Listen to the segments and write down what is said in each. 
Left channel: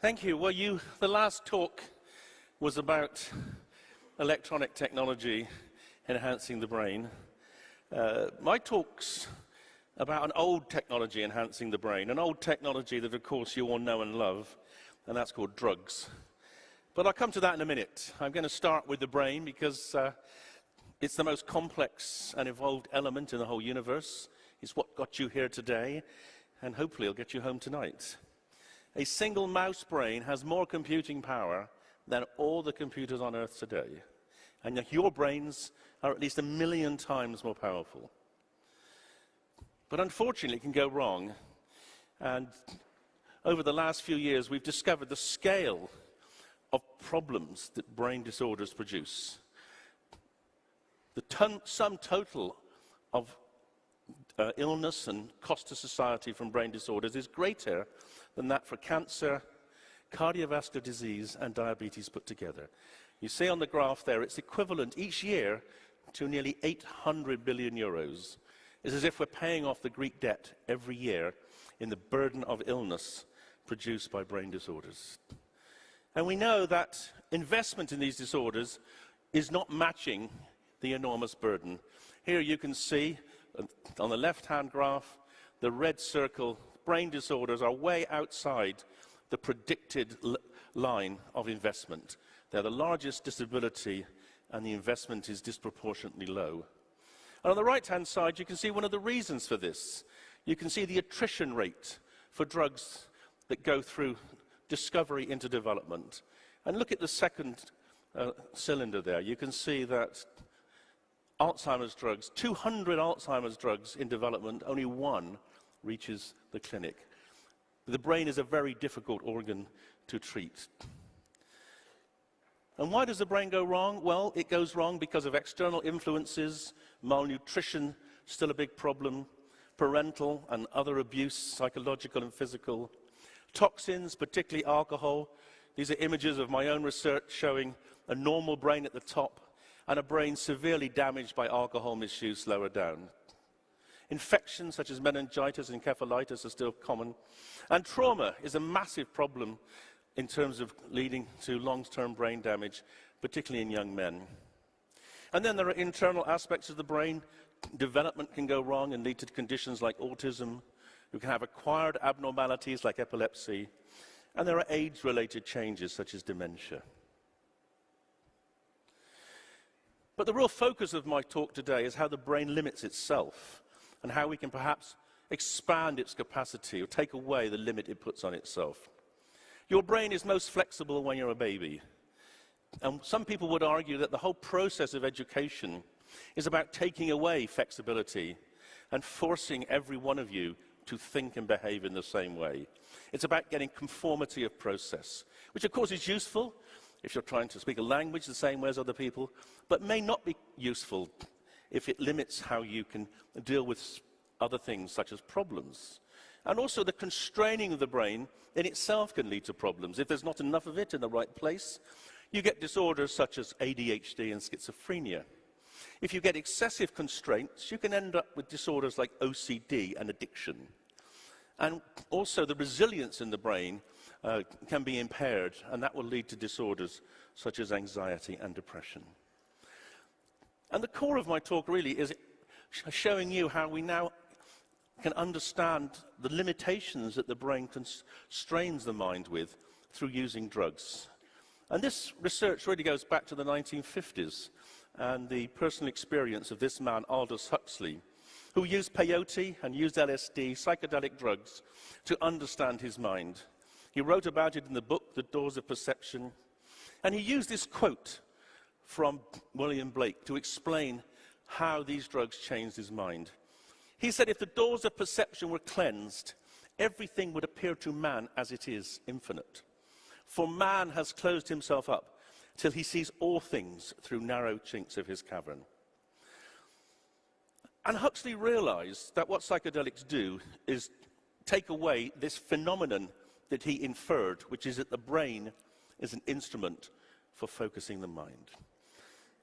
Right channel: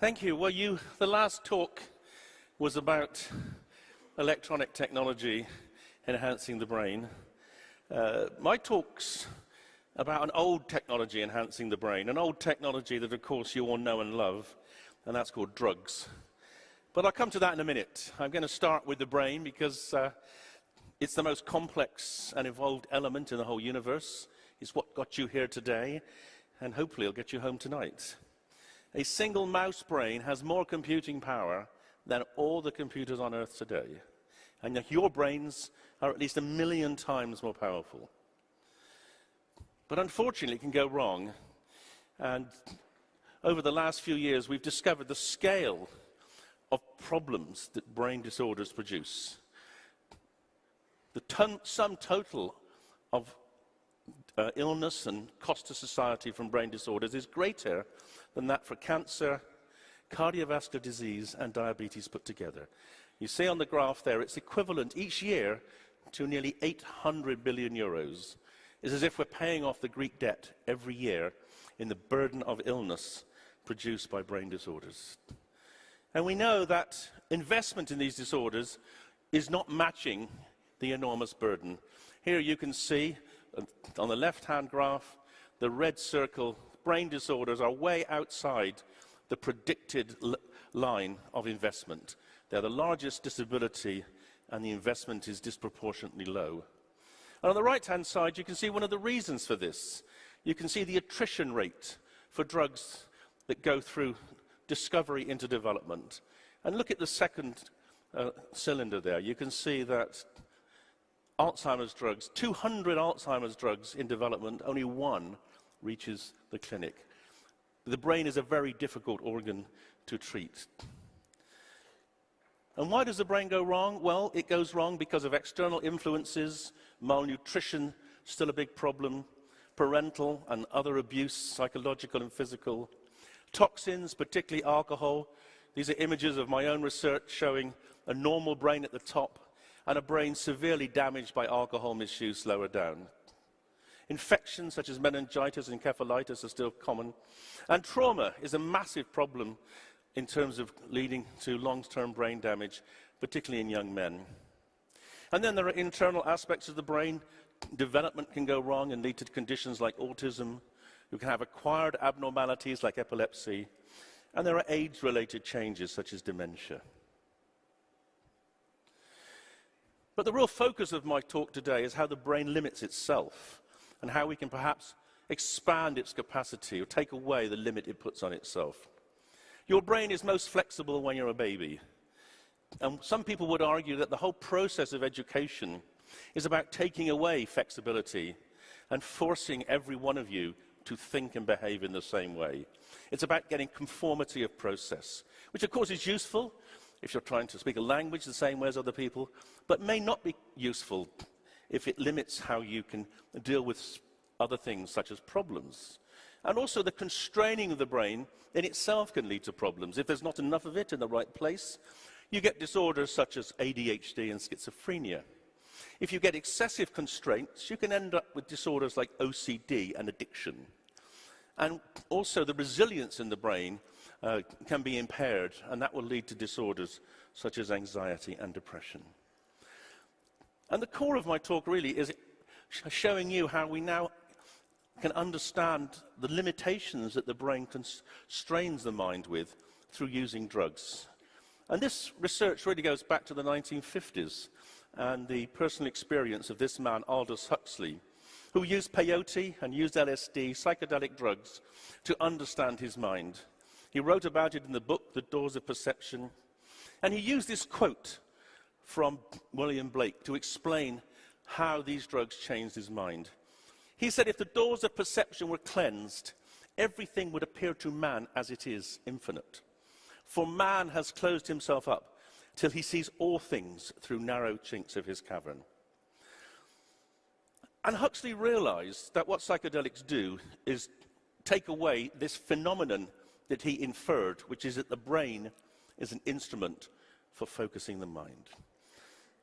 Thank you. Well, the last talk was about electronic technology enhancing the brain. My talk's about an old technology enhancing the brain, an old technology that, of course, you all know and love, and that's called drugs. But I'll come to that in a minute. I'm going to start with the brain because it's the most complex and evolved element in the whole universe. It's what got you here today, and hopefully it'll get you home tonight. A single mouse brain has more computing power than all the computers on Earth today. And yet your brains are at least 1 million times more powerful. But unfortunately, it can go wrong. And over the last few years, we've discovered the scale of problems that brain disorders produce. The sum total of illness and cost to society from brain disorders is greater than that for cancer, cardiovascular disease, and diabetes put together. You see on the graph there, it's equivalent each year to nearly 800 billion euros. It's as if we're paying off the Greek debt every year in the burden of illness produced by brain disorders. And we know that investment in these disorders is not matching the enormous burden. Here you can see on the left-hand graph, the red circle, brain disorders are way outside the predicted line of investment. They're the largest disability, and the investment is disproportionately low. And on the right-hand side, you can see one of the reasons for this. You can see the attrition rate for drugs that go through discovery into development. And look at the second cylinder there. You can see that Alzheimer's drugs, 200 Alzheimer's drugs in development, only one reaches the clinic. The brain is a very difficult organ to treat. And why does the brain go wrong? Well, it goes wrong because of external influences, malnutrition, still a big problem, parental and other abuse, psychological and physical, toxins, particularly alcohol. These are images of my own research showing a normal brain at the top and a brain severely damaged by alcohol misuse lower down. Infections such as meningitis and encephalitis are still common. And trauma is a massive problem in terms of leading to long-term brain damage, particularly in young men. And then there are internal aspects of the brain. Development can go wrong and lead to conditions like autism. You can have acquired abnormalities like epilepsy. And there are age-related changes such as dementia. But the real focus of my talk today is how the brain limits itself and how we can perhaps expand its capacity or take away the limit it puts on itself. Your brain is most flexible when you're a baby. And some people would argue that the whole process of education is about taking away flexibility and forcing every one of you to think and behave in the same way. It's about getting conformity of process, which of course is useful if you're trying to speak a language the same way as other people, but may not be useful if it limits how you can deal with other things such as problems. And also the constraining of the brain in itself can lead to problems. If there's not enough of it in the right place, you get disorders such as ADHD and schizophrenia. If you get excessive constraints, you can end up with disorders like OCD and addiction. And also the resilience in the brain can be impaired, and that will lead to disorders such as anxiety and depression. And the core of my talk really is showing you how we now can understand the limitations that the brain constrains the mind with through using drugs. And this research really goes back to the 1950s and the personal experience of this man, Aldous Huxley, who used peyote and used LSD, psychedelic drugs, to understand his mind. He wrote about it in the book, The Doors of Perception, and he used this quote from William Blake to explain how these drugs changed his mind. He said, if the doors of perception were cleansed, everything would appear to man as it is, infinite. For man has closed himself up till he sees all things through narrow chinks of his cavern. And Huxley realized that what psychedelics do is take away this phenomenon that he inferred, which is that the brain is an instrument for focusing the mind.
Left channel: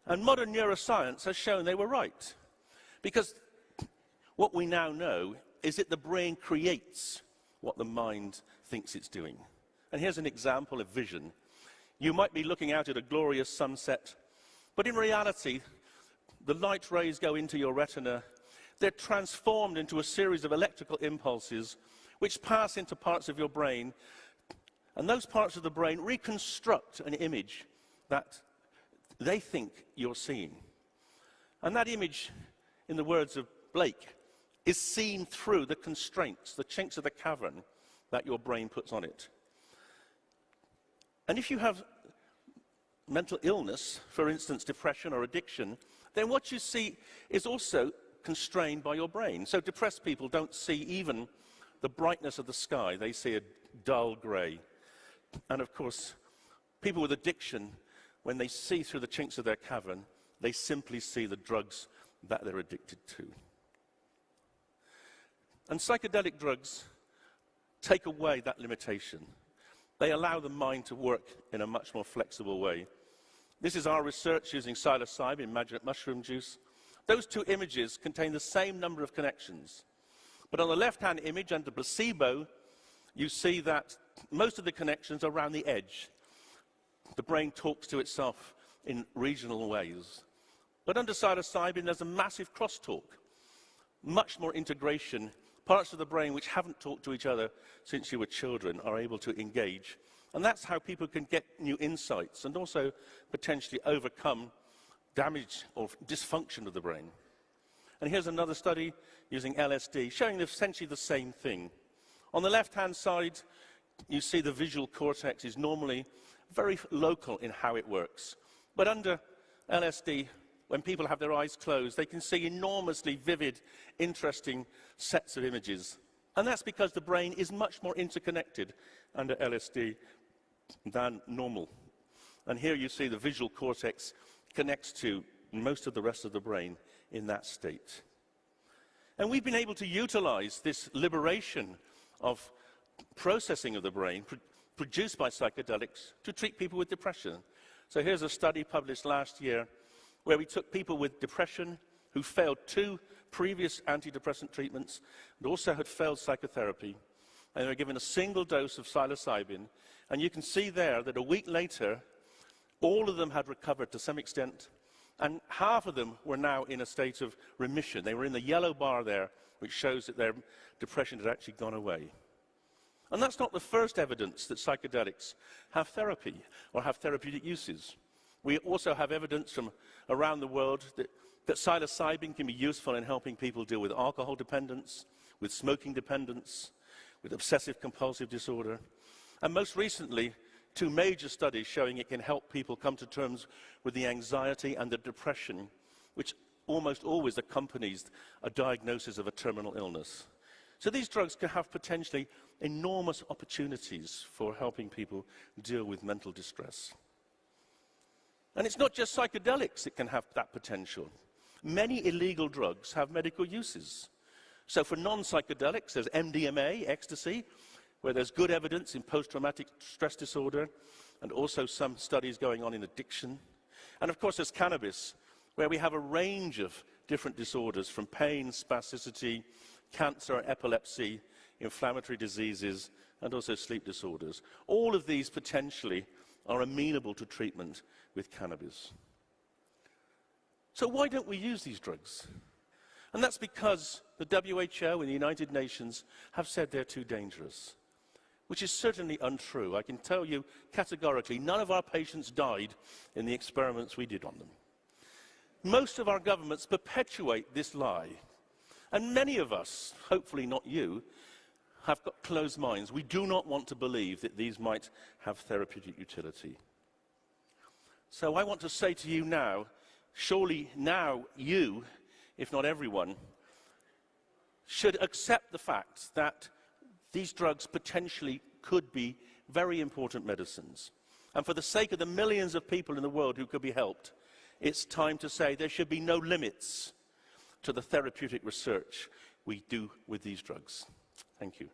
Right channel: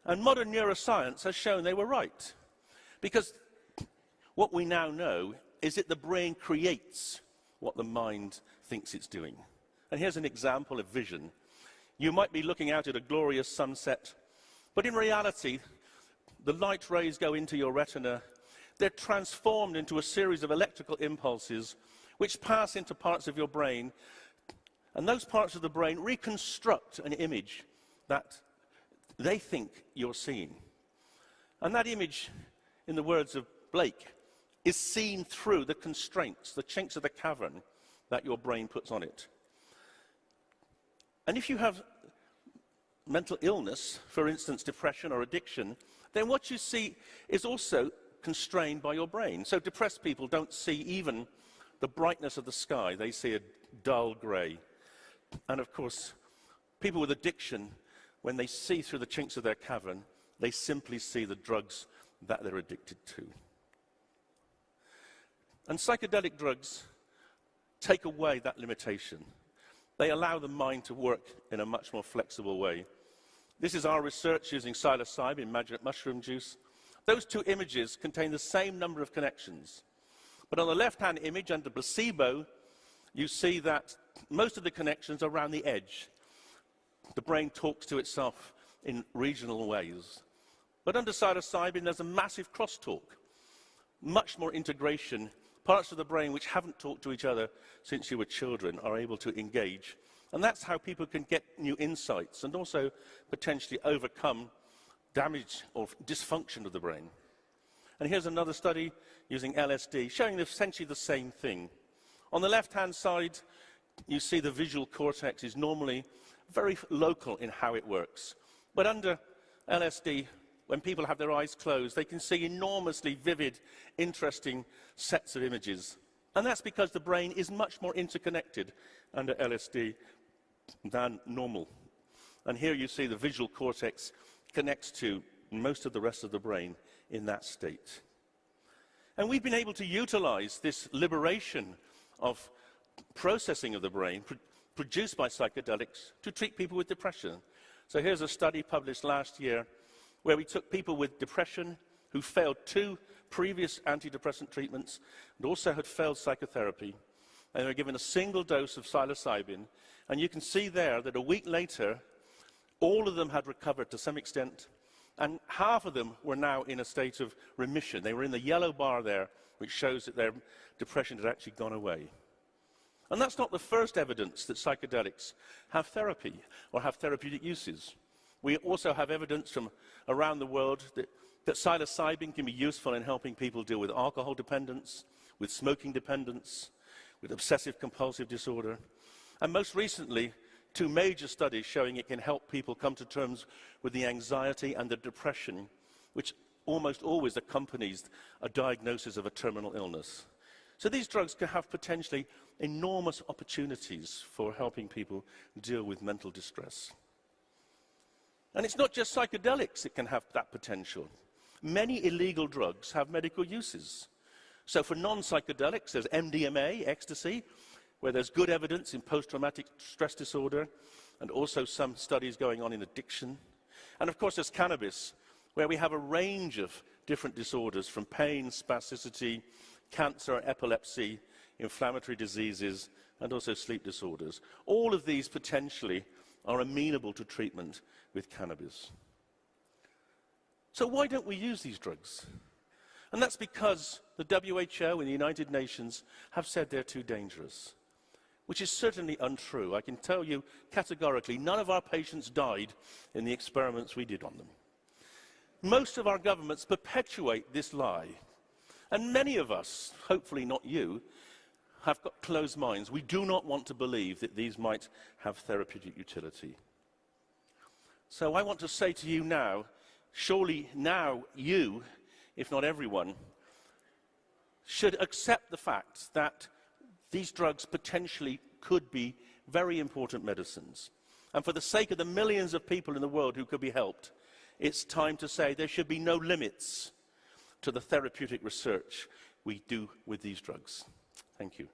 And modern neuroscience has shown they were right, because what we now know is that the brain creates what the mind thinks it's doing. And here's an example of vision. You might be looking out at a glorious sunset, but in reality, the light rays go into your retina. They're transformed into a series of electrical impulses which pass into parts of your brain, and those parts of the brain reconstruct an image that they think you're seeing. And that image, in the words of Blake, is seen through the constraints, the chinks of the cavern that your brain puts on it. And if you have mental illness, for instance, depression or addiction, then what you see is also constrained by your brain. So depressed people don't see even the brightness of the sky. They see a dull grey. And of course, people with addiction, when they see through the chinks of their cavern, they simply see the drugs that they're addicted to. And psychedelic drugs take away that limitation. They allow the mind to work in a much more flexible way. This is our research using psilocybin, magic mushroom juice. Those two images contain the same number of connections. But on the left-hand image, under placebo, you see that most of the connections are around the edge. The brain talks to itself in regional ways. But under psilocybin, there's a massive crosstalk, much more integration. Parts of the brain which haven't talked to each other since you were children are able to engage. And that's how people can get new insights and also potentially overcome damage or dysfunction of the brain. And here's another study using LSD showing essentially the same thing. On the left-hand side, you see the visual cortex is normally very local in how it works. But under LSD, when people have their eyes closed, they can see enormously vivid, interesting sets of images. And that's because the brain is much more interconnected under LSD than normal. And here you see the visual cortex connects to most of the rest of the brain in that state. And we've been able to utilize this liberation of processing of the brain produced by psychedelics to treat people with depression. So here's a study published last year where we took people with depression who failed 2 previous antidepressant treatments and also had failed psychotherapy. And they were given a single dose of psilocybin. And you can see there that a week later, all of them had recovered to some extent, and half of them were now in a state of remission. They were in the yellow bar there, which shows that their depression had actually gone away. And that's not the first evidence that psychedelics have therapy or have therapeutic uses. We also have evidence from around the world that psilocybin can be useful in helping people deal with alcohol dependence, with smoking dependence, with obsessive-compulsive disorder. And most recently, 2 major studies showing it can help people come to terms with the anxiety and the depression, which almost always accompanies a diagnosis of a terminal illness. So these drugs can have potentially enormous opportunities for helping people deal with mental distress. And it's not just psychedelics that can have that potential. Many illegal drugs have medical uses. So for non-psychedelics, there's MDMA, ecstasy, where there's good evidence in post-traumatic stress disorder, and also some studies going on in addiction. And of course, there's cannabis, where we have a range of different disorders, from pain, spasticity, cancer, epilepsy, inflammatory diseases, and also sleep disorders. All of these potentially are amenable to treatment with cannabis. So why don't we use these drugs? And that's because the WHO and the United Nations have said they're too dangerous, which is certainly untrue. I can tell you categorically, none of our patients died in the experiments we did on them. Most of our governments perpetuate this lie. And many of us, hopefully not you, have got closed minds. We do not want to believe that these might have therapeutic utility. So I want to say to you now, surely now you, if not everyone, should accept the fact that these drugs potentially could be very important medicines. And for the sake of the millions of people in the world who could be helped, it's time to say there should be no limits to the therapeutic research we do with these drugs. Thank you.